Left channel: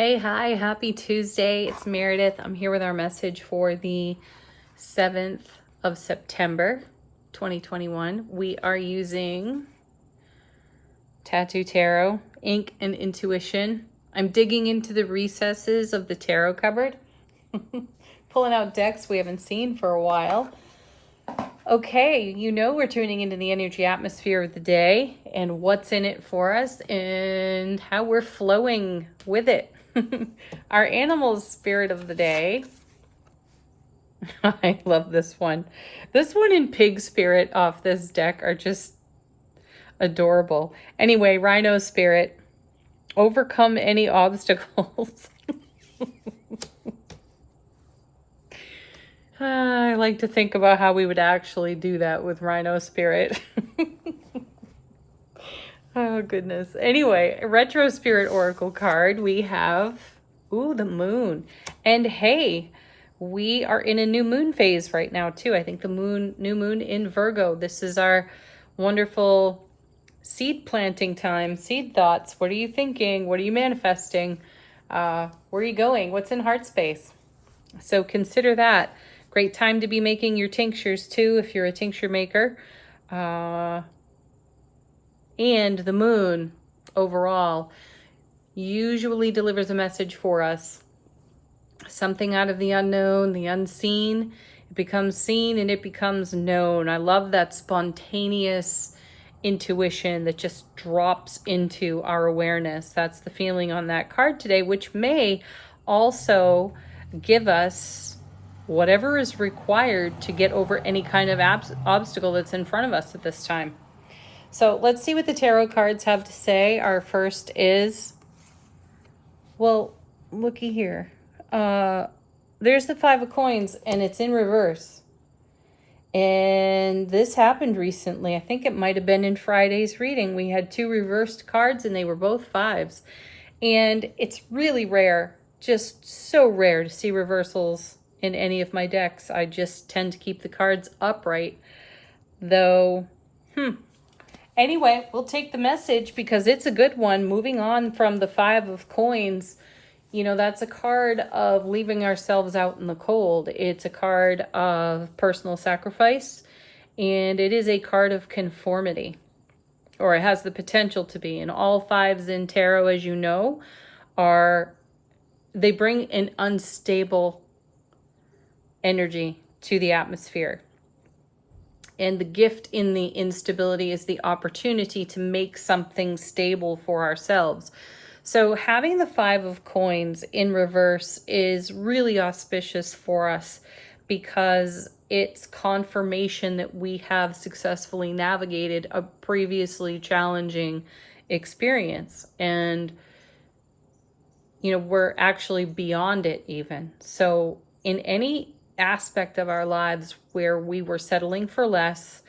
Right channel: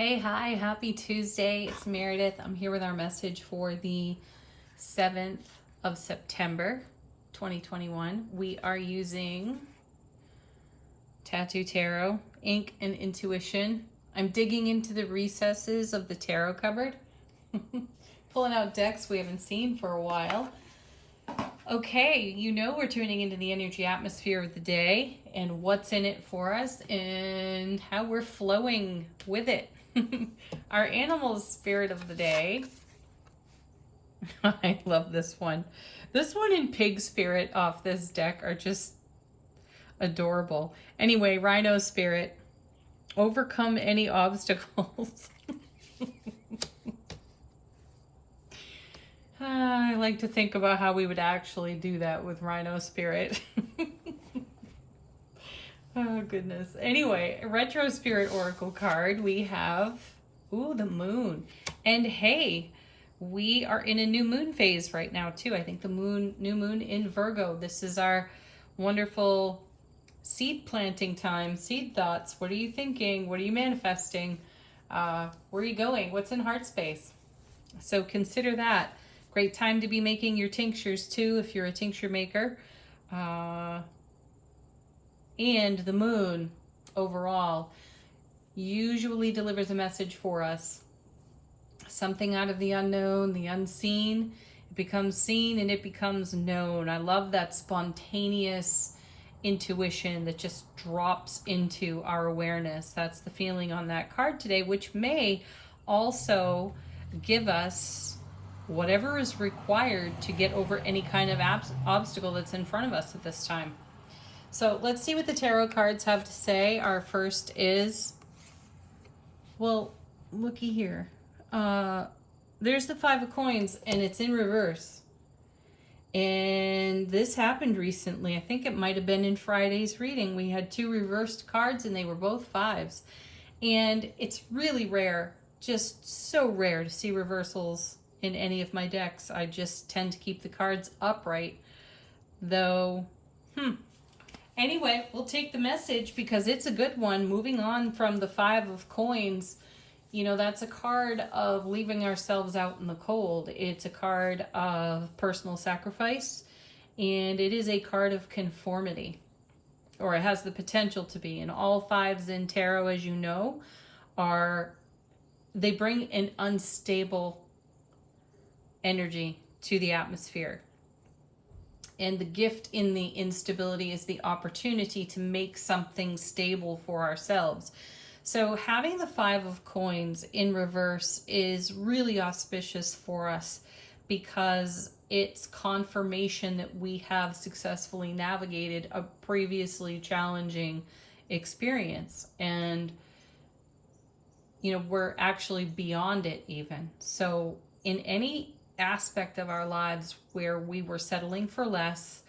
Hey, hi, happy Tuesday. It's Meredith. I'm here with our message for the 7th of September, 2021. We are using Tattoo Tarot, Ink and Intuition. I'm digging into the recesses of the tarot cupboard, pulling out decks we haven't seen for a while. Okay, we're tuning into the energy atmosphere of the day and what's in it for us and how we're flowing with it. Our animal spirit of the day. I love this one. This one and pig spirit off this deck are just adorable. Anyway, rhino spirit. Overcome any obstacles. I like to think about how we would actually do that with rhino spirit. Oh, goodness. Anyway, retro spirit oracle card. We have, the moon. And hey, we are in a new moon phase right now, too. I think the new moon in Virgo. This is our wonderful seed planting time, seed thoughts. What are you thinking? What are you manifesting? Where are you going? What's in heart space? So consider that. Great time to be making your tinctures, too, if you're a tincture maker. And the moon overall usually delivers a message for us. Something out of the unknown, the unseen. It becomes seen and it becomes known. I love that spontaneous intuition that just drops into our awareness. That's the feeling on that card today, which may also give us whatever is required to get over any kind of obstacle that's in front of us at this time. So let's see what the tarot cards have to say. Our first is, well, looky here. There's the 5 of coins and it's in reverse. And this happened recently. I think it might have been in Friday's reading. We had 2 reversed cards and they were both 5s. And it's really rare, just so rare to see reversals in any of my decks. I just tend to keep the cards upright. Though, Anyway, we'll take the message because it's a good one. Moving on from the 5 of coins, that's a card of leaving ourselves out in the cold. It's a card of personal sacrifice, and it is a card of conformity, or it has the potential to be. And all 5s in tarot, as you know, they bring an unstable energy to the atmosphere. And the gift in the instability is the opportunity to make something stable for ourselves. So having the 5 of coins in reverse is really auspicious for us because it's confirmation that we have successfully navigated a previously challenging experience. And, we're actually beyond it even. So in any aspect of our lives where we were settling for less,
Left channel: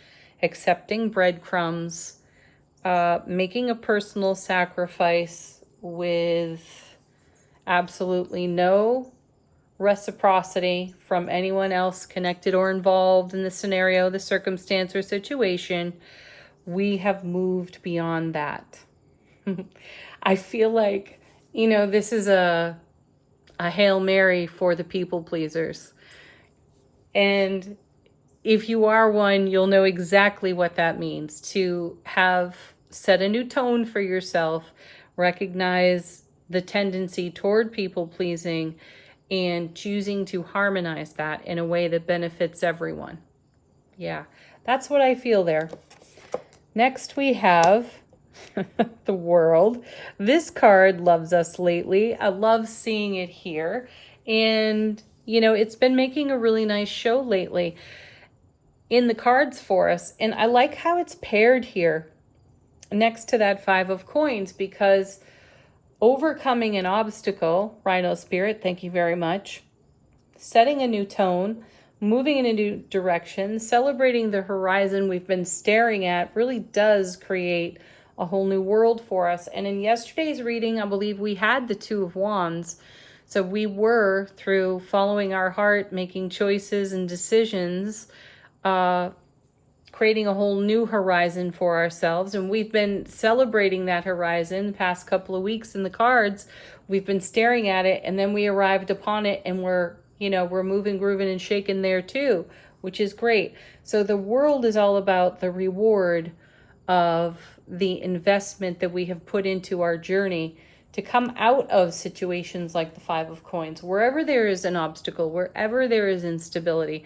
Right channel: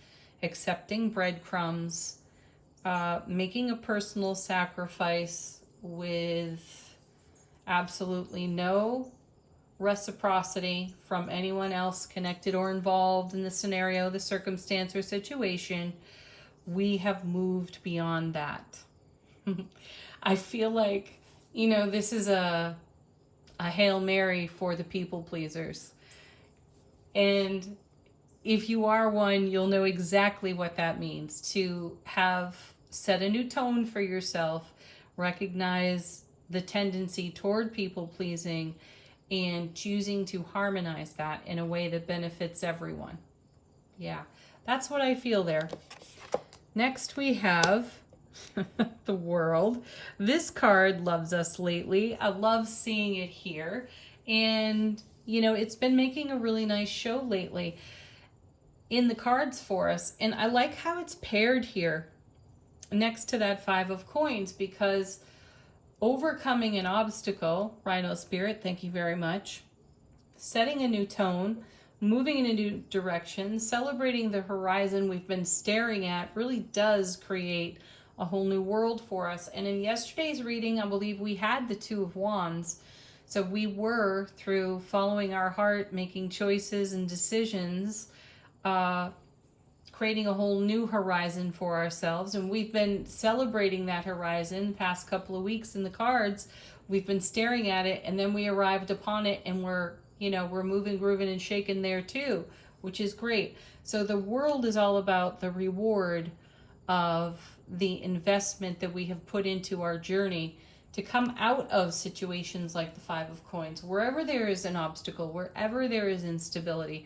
accepting breadcrumbs, making a personal sacrifice with absolutely no reciprocity from anyone else connected or involved in the scenario, the circumstance, or situation, we have moved beyond that. I feel like, this is a Hail Mary for the people pleasers. And if you are one, you'll know exactly what that means. To have set a new tone for yourself, recognize the tendency toward people pleasing, and choosing to harmonize that in a way that benefits everyone. Yeah, that's what I feel there. Next we have the World. This card loves us lately. I love seeing it here. And it's been making a really nice show lately in the cards for us. And I like how it's paired here next to that 5 of coins because overcoming an obstacle, Rhino Spirit, thank you very much, setting a new tone, moving in a new direction, celebrating the horizon we've been staring at really does create a whole new world for us. And in yesterday's reading, I believe we had the 2 of Wands. So we were, through following our heart, making choices and decisions, creating a whole new horizon for ourselves. And we've been celebrating that horizon the past couple of weeks in the cards. We've been staring at it, and then we arrived upon it, and we're moving, grooving, and shaking there too, which is great. So the world is all about the reward of the investment that we have put into our journey to come out of situations like the Five of Coins. Wherever there is an obstacle, wherever there is instability,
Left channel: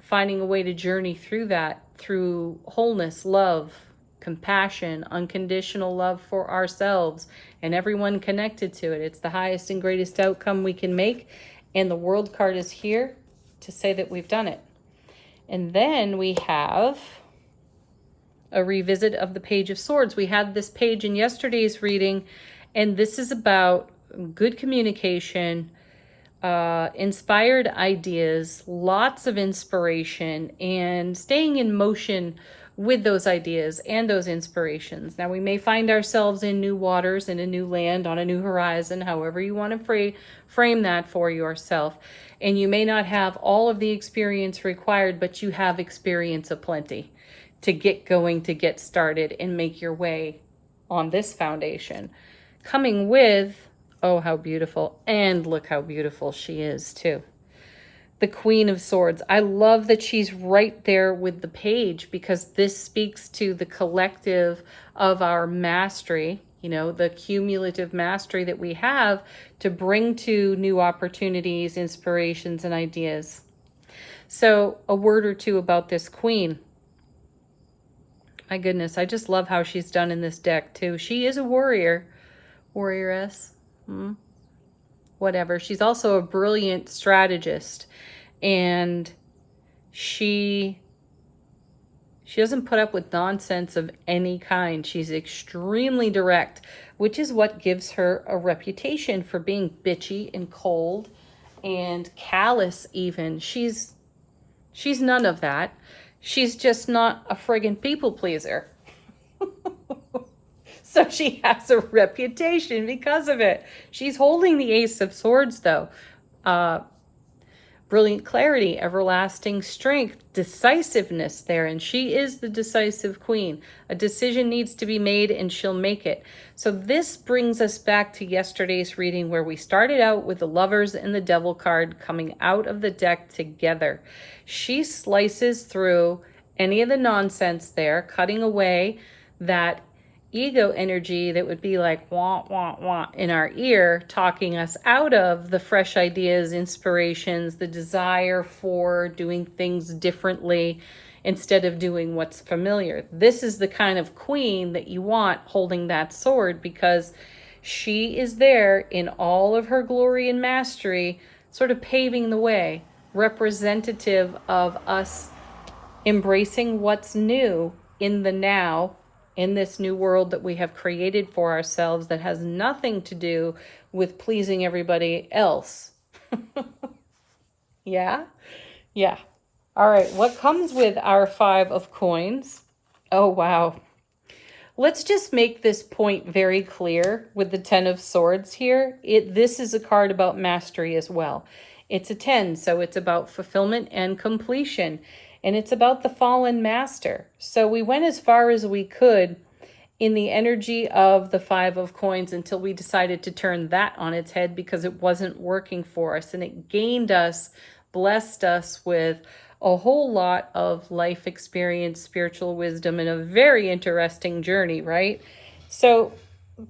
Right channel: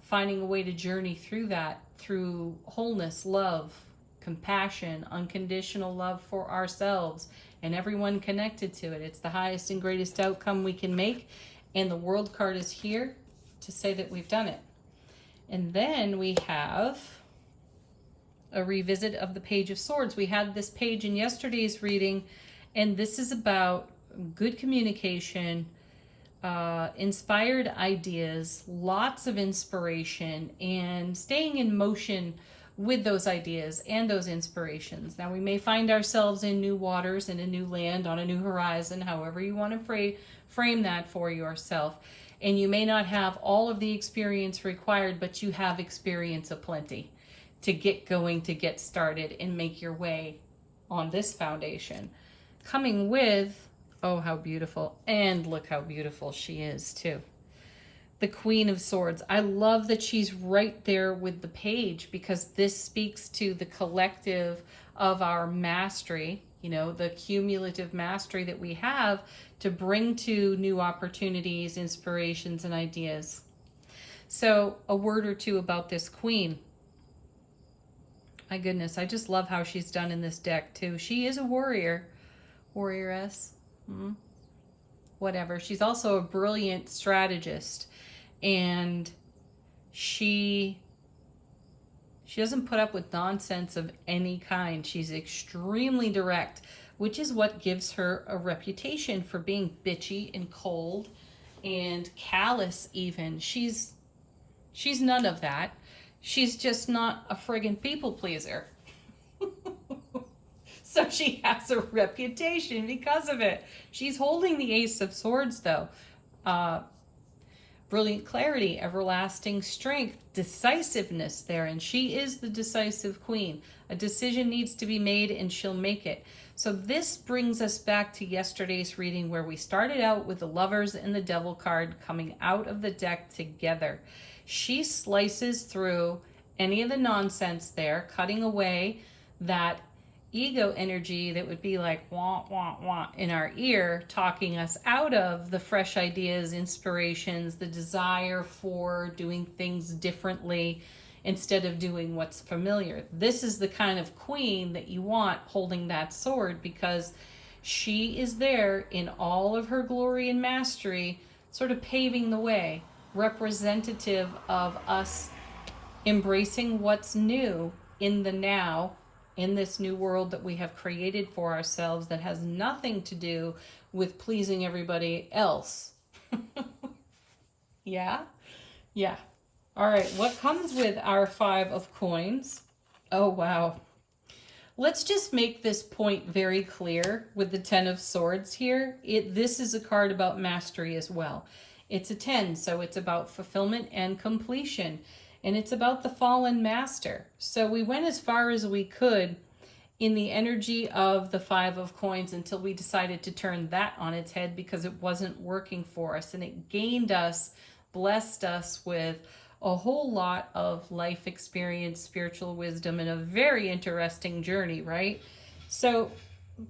finding a way to journey through that, through wholeness, love, compassion, unconditional love for ourselves and everyone connected to it. It's the highest and greatest outcome we can make. And the World card is here to say that we've done it. And then we have a revisit of the Page of Swords. We had this page in yesterday's reading, and this is about good communication, inspired ideas, lots of inspiration, and staying in motion with those ideas and those inspirations. Now, we may find ourselves in new waters, in a new land, on a new horizon, however you want to frame that for yourself. And you may not have all of the experience required, but you have experience aplenty to get going, to get started, and make your way on this foundation. Coming with, oh, how beautiful, and look how beautiful she is too. The Queen of Swords. I love that she's right there with the page, because this speaks to the collective of our mastery, the cumulative mastery that we have to bring to new opportunities, inspirations, and ideas. So a word or two about this Queen. My goodness, I just love how she's done in this deck too. She is a warrior, warrioress, whatever. She's also a brilliant strategist, and she doesn't put up with nonsense of any kind. She's extremely direct, which is what gives her a reputation for being bitchy and cold and callous even. She's none of that. She's just not a friggin' people pleaser. So she has a reputation because of it. She's holding the Ace of Swords though. Brilliant clarity, everlasting strength, decisiveness there. And she is the decisive queen. A decision needs to be made, and she'll make it. So this brings us back to yesterday's reading, where we started out with the Lovers and the Devil card coming out of the deck together. She slices through any of the nonsense there, cutting away that ego energy that would be like wah, wah, wah in our ear, talking us out of the fresh ideas, inspirations, the desire for doing things differently instead of doing what's familiar. This is the kind of queen that you want holding that sword, because she is there in all of her glory and mastery, sort of paving the way, representative of us embracing what's new in the now, in this new world that we have created for ourselves that has nothing to do with pleasing everybody else. Yeah? Yeah. All right, what comes with our Five of Coins? Oh, wow. Let's just make this point very clear with the Ten of Swords here. This is a card about mastery as well. It's a 10, so it's about fulfillment and completion. And it's about the fallen master. So we went as far as we could in the energy of the Five of Coins until we decided to turn that on its head, because it wasn't working for us. And it gained us, blessed us with a whole lot of life experience, spiritual wisdom, and a very interesting journey, right? So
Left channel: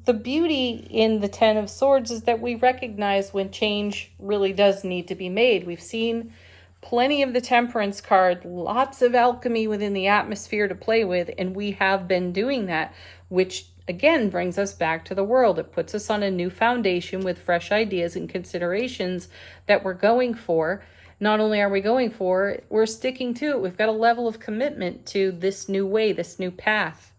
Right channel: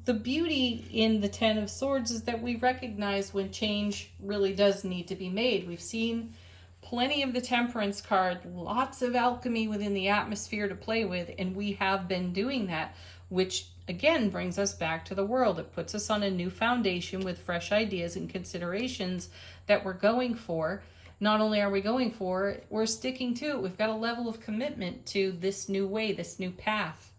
the beauty in the Ten of Swords is that we recognize when change really does need to be made. We've seen plenty of the Temperance card, lots of alchemy within the atmosphere to play with, and we have been doing that, which again brings us back to the world. It puts us on a new foundation with fresh ideas and considerations that we're going for. Not only are we going for it, we're sticking to it. We've got a level of commitment to this new way, this new path.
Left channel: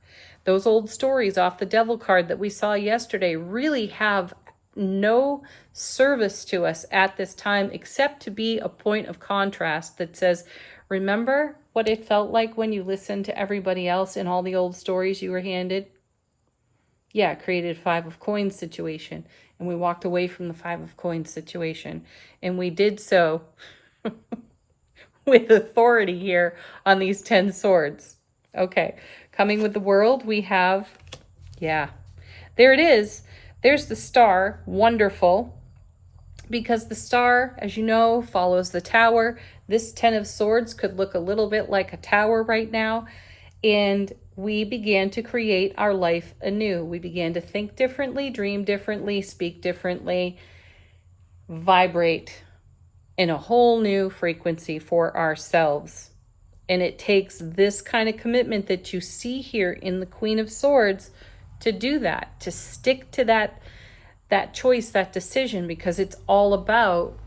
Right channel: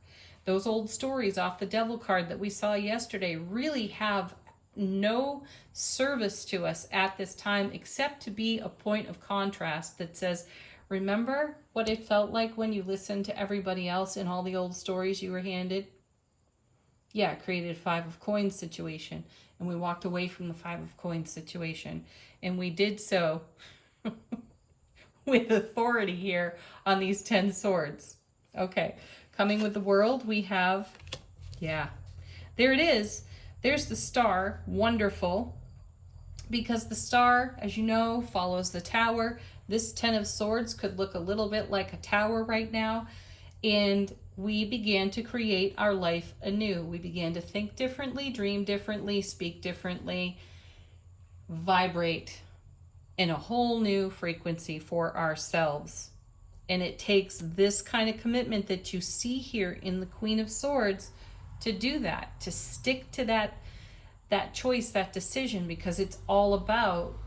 Those old stories off the Devil card that we saw yesterday really have no service to us at this time, except to be a point of contrast that says, remember what it felt like when you listened to everybody else in all the old stories you were handed? Yeah, it created a Five of Coins situation, and we walked away from the Five of Coins situation, and we did so with authority here on these 10 swords. Okay, coming with the world, we have, yeah, there it is. There's the star, wonderful, because the star, as you know, follows the tower. This 10 of swords could look a little bit like a tower right now. And we began to create our life anew. We began to think differently, dream differently, speak differently, vibrate in a whole new frequency for ourselves. And it takes this kind of commitment that you see here in the Queen of Swords to do that, to stick to that choice, that decision, because it's all about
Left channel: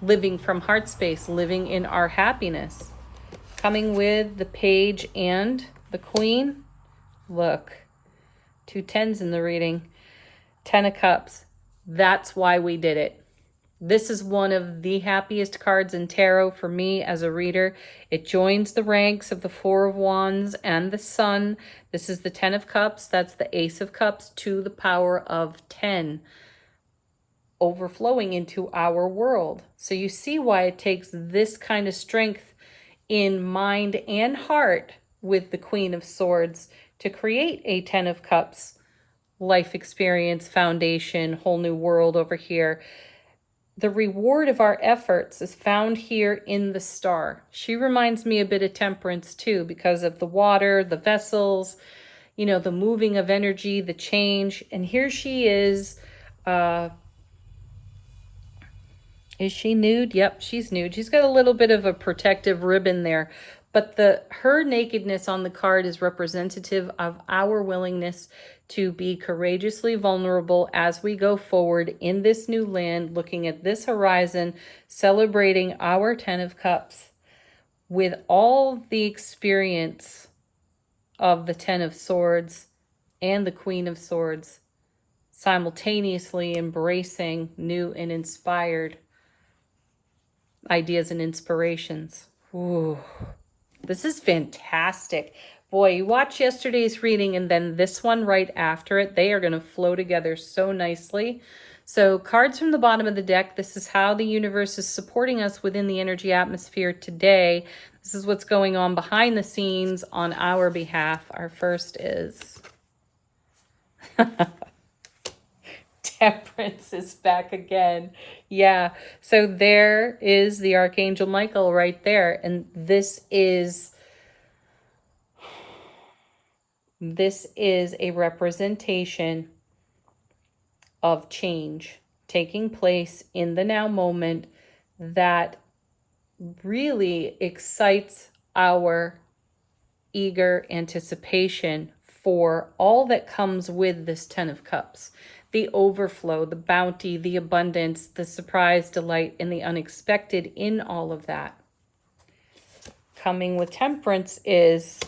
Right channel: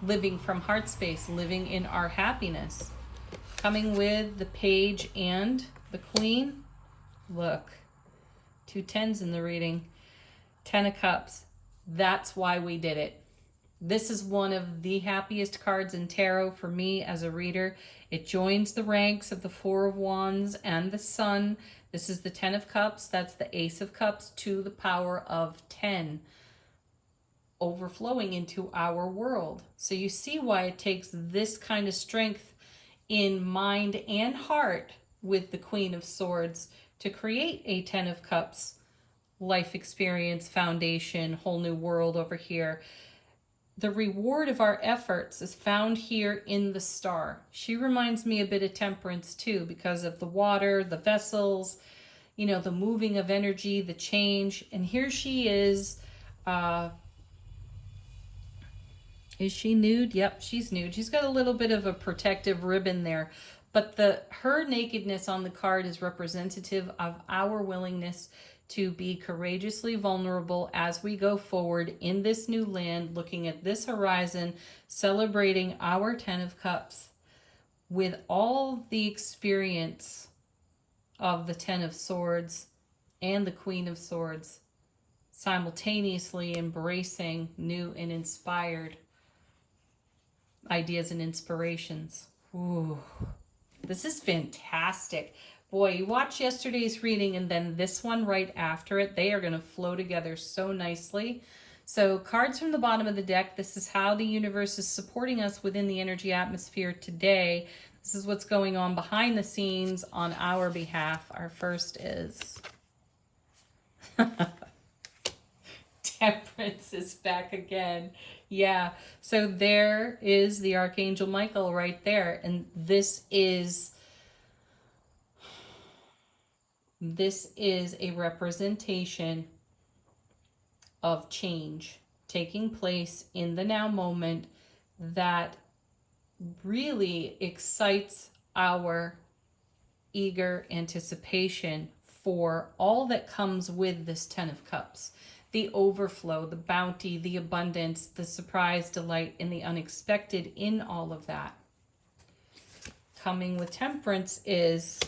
living from heart space, living in our happiness. Coming with the page and the queen. Look, 2 10s in the reading. 10 of Cups. That's why we did it. This is one of the happiest cards in tarot for me as a reader. It joins the ranks of the 4 of Wands and the Sun. This is the 10 of Cups. That's the Ace of Cups to the power of 10. Overflowing into our world. So you see why it takes this kind of strength in mind and heart with the Queen of Swords to create a 10 of Cups life experience, foundation, whole new world over here. The reward of our efforts is found here in the star. She reminds me a bit of Temperance too, because of the water, the vessels, you know, the moving of energy, the change. And here she is she nude? Yep, she's nude. She's got a little bit of a protective ribbon there, but her nakedness on the card is representative of our willingness to be courageously vulnerable as we go forward in this new land, looking at this horizon, celebrating our 10 of Cups with all the experience of the 10 of Swords and the Queen of Swords, simultaneously embracing new and inspired ideas and inspirations. Ooh, this is fantastic. Boy, you watch yesterday's reading and then this one right after it. They are going to flow together so nicely. So cards from the bottom of the deck. This is how the universe is supporting us within the energy atmosphere today. This is what's going on behind the scenes on our behalf. Our first is Temperance is back again. Yeah, so there is the Archangel Michael right there. And this is a representation of change taking place in the now moment that really excites our eager anticipation for all that comes with this 10 of Cups. The overflow, the bounty, the abundance, the surprise, delight, and the unexpected in all of that. Coming with Temperance is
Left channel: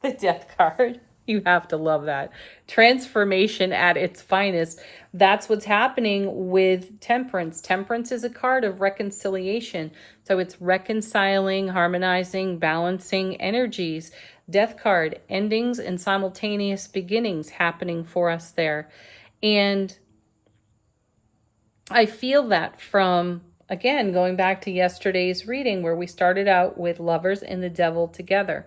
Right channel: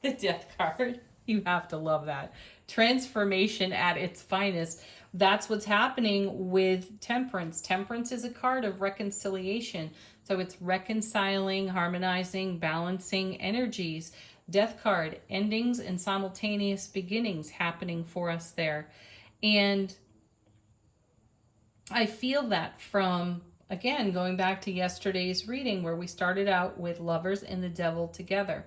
the Death card. You have to love that. Transformation at its finest. That's what's happening with Temperance. Temperance is a card of reconciliation. So it's reconciling, harmonizing, balancing energies. Death card, endings and simultaneous beginnings happening for us there. And I feel that from, again, going back to yesterday's reading where we started out with Lovers and the Devil together.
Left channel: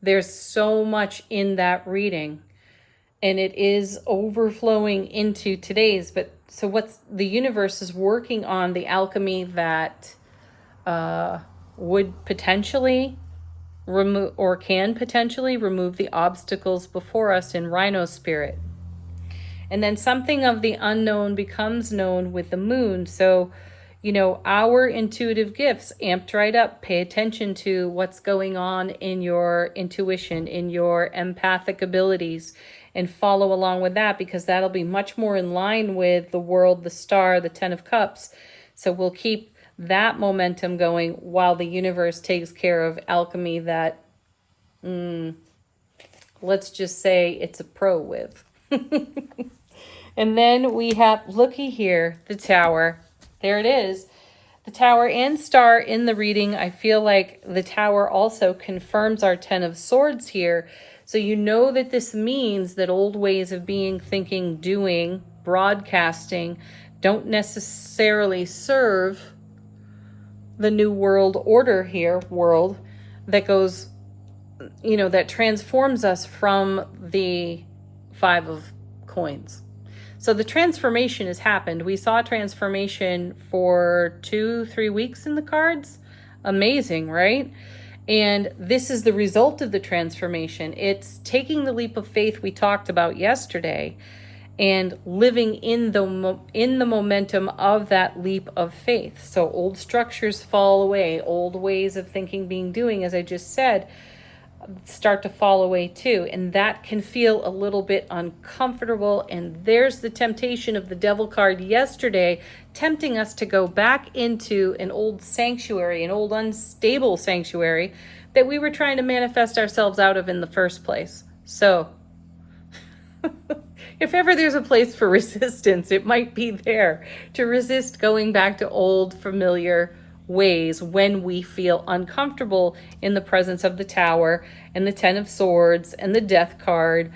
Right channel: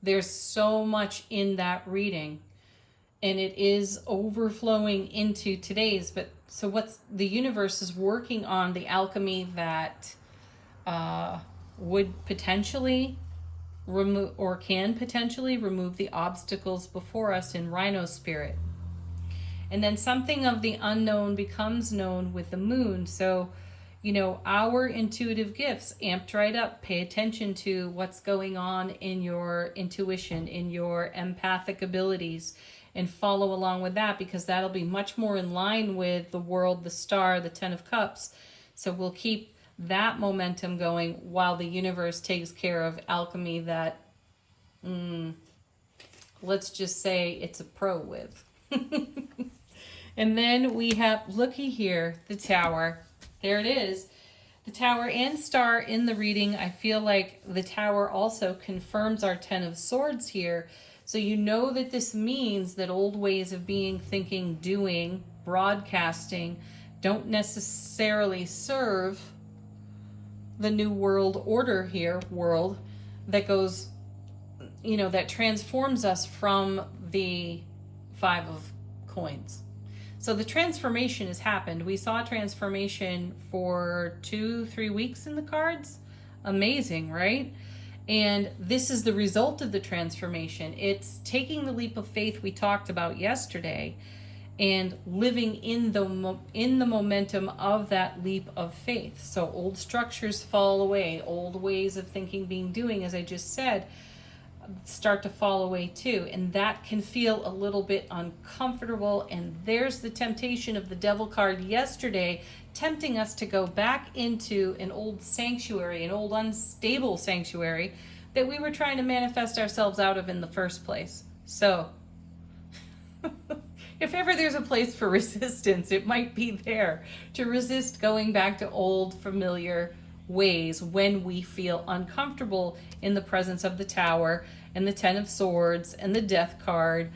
There's so much in that reading and it is overflowing into today's. But so what's the universe is working on the alchemy that would potentially remove or can potentially remove the obstacles before us in Rhino spirit. And then something of the unknown becomes known with the moon. So, you know, our intuitive gifts amped right up. Pay attention to what's going on in your intuition, in your empathic abilities, and follow along with that, because that'll be much more in line with the world, the star, the 10 of Cups. So we'll keep that momentum going while the universe takes care of alchemy that, let's just say it's a pro with. And then we have, looky here, the Tower. There it is. The Tower and Star in the reading. I feel like the Tower also confirms our 10 of Swords here. So you know that this means that old ways of being, thinking, doing, broadcasting don't necessarily serve the new world order here, world, that goes, that transforms us from the 5 of coins. So the transformation has happened. We saw transformation for 2-3 weeks in the cards. Amazing, right? And this is the result of the transformation. It's taking the leap of faith we talked about yesterday and living in the momentum of that leap of faith. So old structures fall away, old ways of thinking, being, doing, as I just said, start to fall away too. And that can feel a little bit uncomfortable. And there's the temptation of the devil card yesterday, tempting us to go back into an old sanctuary, an old unstable sanctuary that we were trying to manifest ourselves out of in the first place. So if ever there's a place for resistance, it might be there, to resist going back to old familiar ways when we feel uncomfortable in the presence of the Tower and the 10 of Swords and the Death card.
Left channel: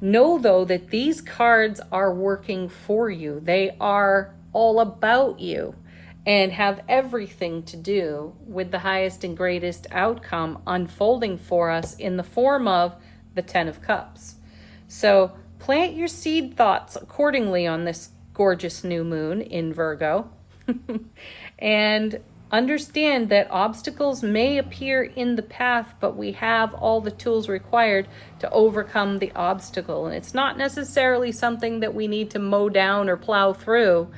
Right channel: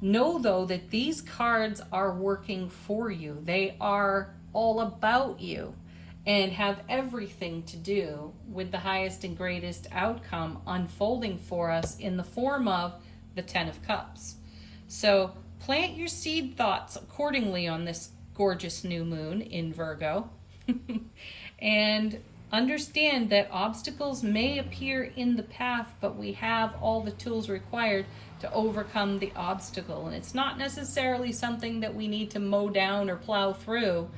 Know, though, that these cards are working for you. They are all about you and have everything to do with the highest and greatest outcome unfolding for us in the form of the 10 of Cups. So plant your seed thoughts accordingly on this gorgeous new moon in Virgo. And understand that obstacles may appear in the path, but we have all the tools required to overcome the obstacle. And it's not necessarily something that we need to mow down or plow through.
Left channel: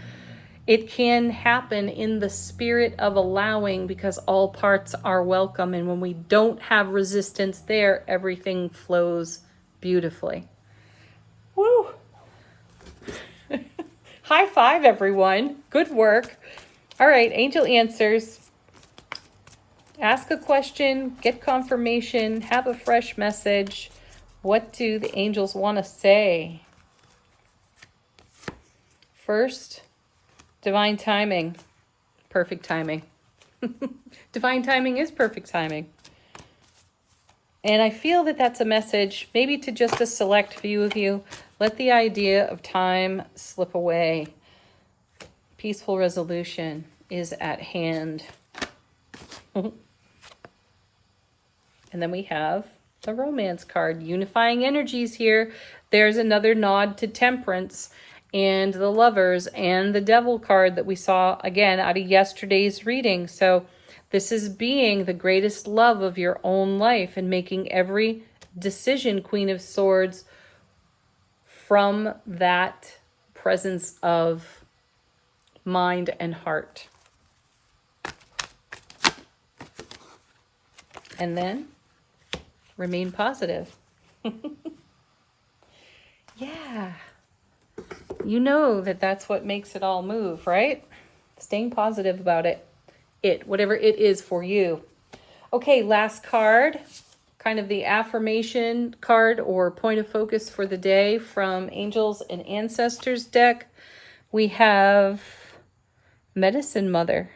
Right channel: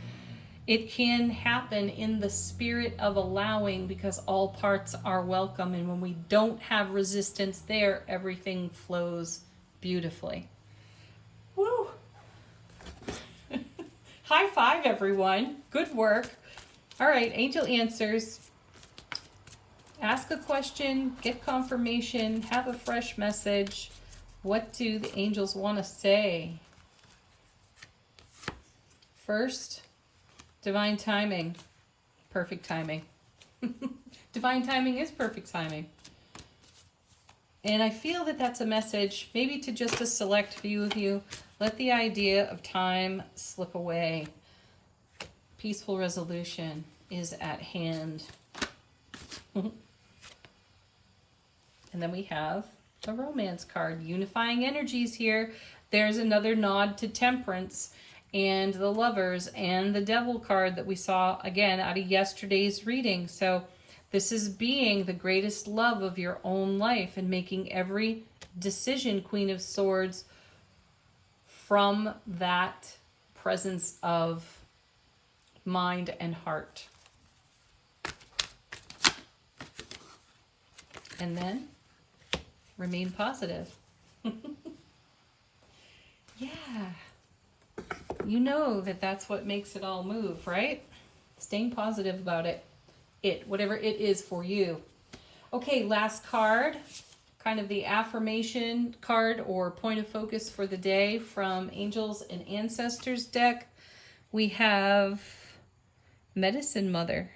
It can happen in the spirit of allowing, because all parts are welcome. And when we don't have resistance there, everything flows beautifully. Woo! High five, everyone. Good work. All right, angel answers. Ask a question, get confirmation, have a fresh message. What do the angels want to say? First, divine timing. Perfect timing. Divine timing is perfect timing. And I feel that that's a message, maybe to just a select few of you. Let the idea of time slip away. Peaceful resolution is at hand. And then we have the romance card, unifying energies here. There's another nod to temperance and the lovers and the devil card that we saw again out of yesterday's reading. So this is being the greatest love of your own life and making every decision, Queen of Swords, from that presence of mind and heart. And then remain positive. Yeah. You know that that's what makes it all move, right? Staying positive about it. Whatever it is for you. Okay, last card. Kind of the affirmation card or point of focus for the day from Angels and Ancestors deck. We have Medicine Mother.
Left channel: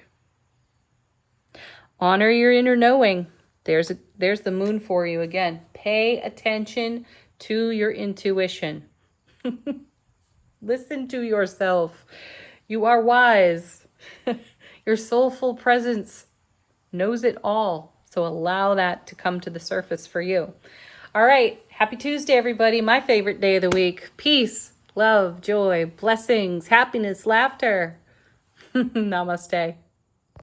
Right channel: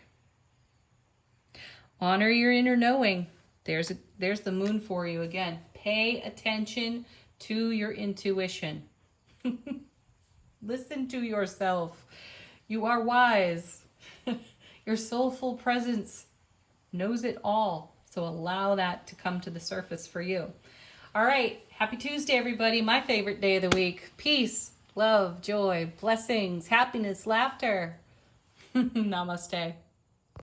Honor your inner knowing. There's the moon for you again. Pay attention to your intuition. Listen to yourself. You are wise. Your soulful presence knows it all. So allow that to come to the surface for you. All right. Happy Tuesday, everybody. My favorite day of the week. Peace, love, joy, blessings, happiness, laughter. Namaste.